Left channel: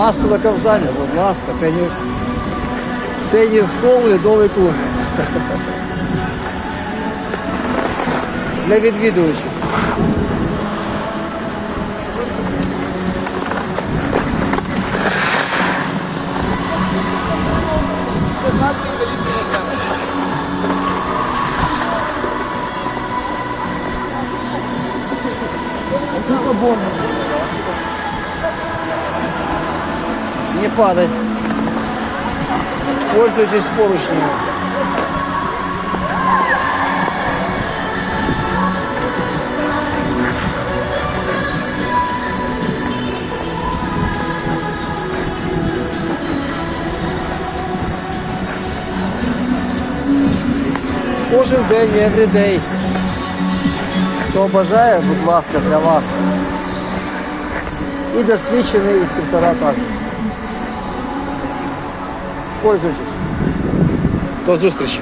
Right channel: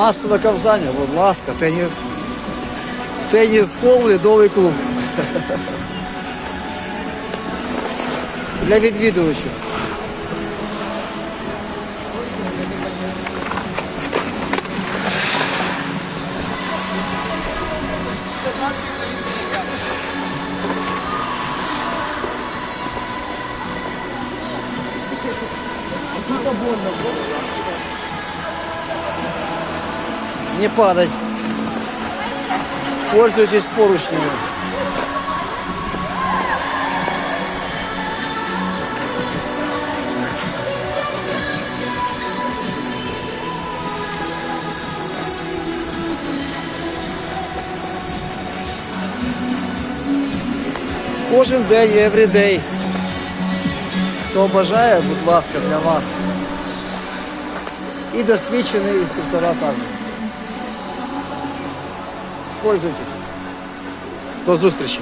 Масове ковзання, будь ласка, теніс. Теніс хол, льодовий клуб. Для відвідувачів. Не падать. Пользуйтесь поручнями. Кожен день, every day. Хто бажає, будь ласка, для вас. І досвідчений інструктора також. Пользуйтесь. До зустрічі.